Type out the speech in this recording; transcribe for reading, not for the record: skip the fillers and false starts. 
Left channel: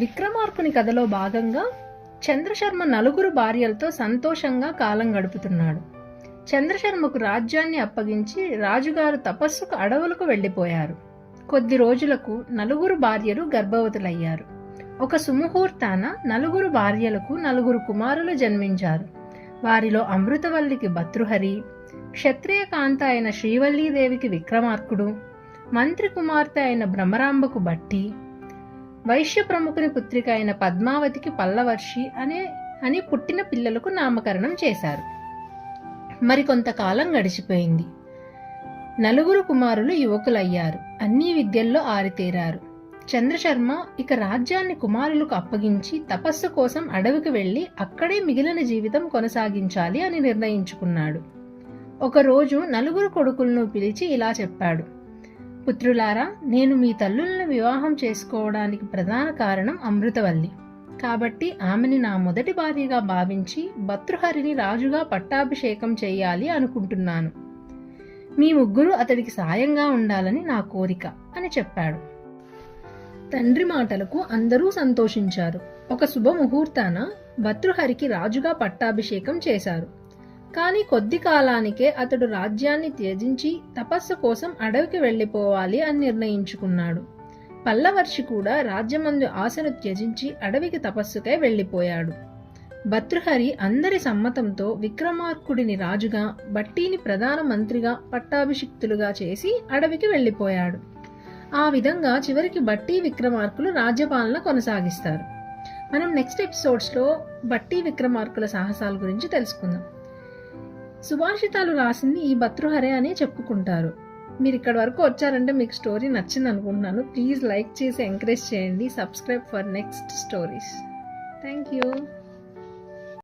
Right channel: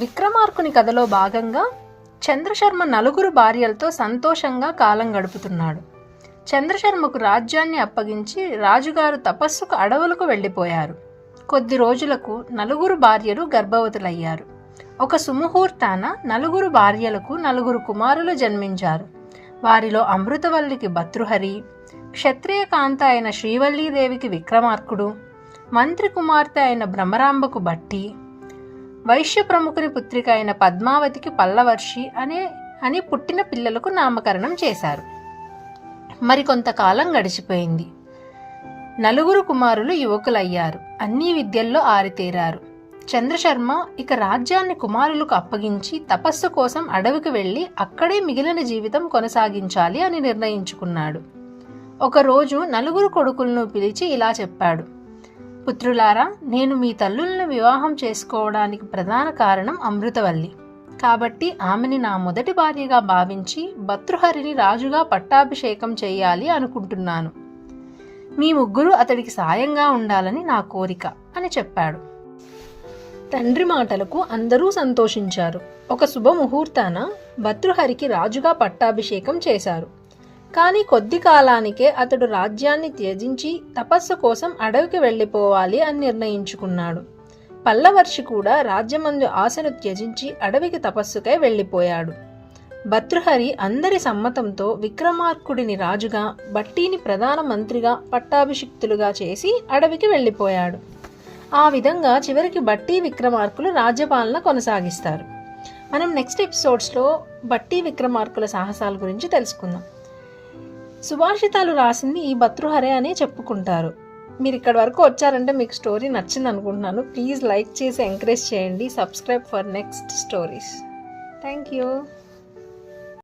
విక్రమార్కుని కథలో భాగంగా చంద్రశర్మ నలుగురు భార్యలతో సంతోషంగా కాలం గడుపుతున్నాడు. చంద్రశర్మకు రాజ్యాన్ని అప్పగించి రాజుగారు తపస్సుకు అడవులకు వెళ్ళిపోయారు. కొద్ది రోజులకు నలుగురు భార్యలు గర్భవతులయ్యారు. ఒక సుముహూర్తాన నలుగురు భార్యలకు నలుగురు కుమారులు జన్మించారు. వారిలో అమృతవల్లికి భర్తృహరి, క్షత్రియ కాంత అయిన శ్రీవల్లీదేవికి విక్రమార్కుడు, మంత్రి కుమార్తె అయిన భ్రమరాంబకు భట్టి, వైశ్య ప్రముఖుని పుత్రిక అయిన పద్మావతికి పల్లవర్షి అని పుట్టిన పిల్లలకు నామకరణం చేశారు. మరికొంతకాలం గడిచిపోయింది. నలుగురు కుమారులు యువకులయ్యారు. అన్ని విద్యల్లో ఆరితేరారు. చంద్రశర్మ ఇక రాజ్యాన్ని కుమారులకు అప్పగించి తపస్సు కోసం అడవికి వెళ్లి అక్కడే మిగిలిన జీవితం కొనసాగించాలి అని నిర్ణయించుకున్నాడు. ఒకరోజు నలుగురు కొడుకులను పిలిచి ఇలా చెప్పాడు: పుత్రులారా, నేను మీ తల్లులను వివాహం చేసుకోవడానికి ప్రధాన కారణం అమృతవల్లి. కాబట్టి ఆమెని నా మొదటి భార్యగా భావించి భర్తృహరిని రాజుగా పట్టాభిషేకం చేయాలి అనుకుంటున్నాను. మీ ముగ్గురు అతడికి సాయంగా ఉండాలని నా కోరిక అని చెప్పాడు. తండ్రి మాటలకు అందరూ సంతోషించారు. ఒక శుభముహూర్తాన భర్తృహరికి రాజుగా పట్టాభిషేకం చేశారు. కానీ కొద్ది కాలానికే అతడు రాజ్యాన్ని త్యజించి తపస్సు కోసం అడవికి వెళ్ళిపోవాలి అని నిర్ణయించుకున్నాడు. పల్లవర్షి కూడా రాజ్యమందు ఆశను త్యజించి అడవికి తపస్సుకై వెళ్ళిపోయాడు. భర్తృహరి అందరి సమ్మతంతో విక్రమార్కుడిని రాజుగా, భట్టిని ప్రధాన మంత్రిగా పట్టాభిషిక్తులుగా చేసి అడవికి వెళ్ళిపోయాడు. ఆ విధంగా చివరికి భట్టి విక్రమార్కులు రాజ్యపాలన కొనసాగిస్తారు. మనం నెక్స్ట్ ఎపిసోడ్స్లో భట్టి విక్రమార్కుల సాహసాల గురించి తెలుసుకుందాం. సుభాషితాలు రాసింది ఈ భర్తృహరే అనే చెప్పుకుంటారు. మీరు ఇక్కడి వరకు వచ్చారంటే మీకు స్టోరీ నచ్చింది అనుకుంటున్నాను. ప్లీజ్ లైక్ చేసి ఎంకరేజ్ చేయండి. Subscribe for next stories. Thank you.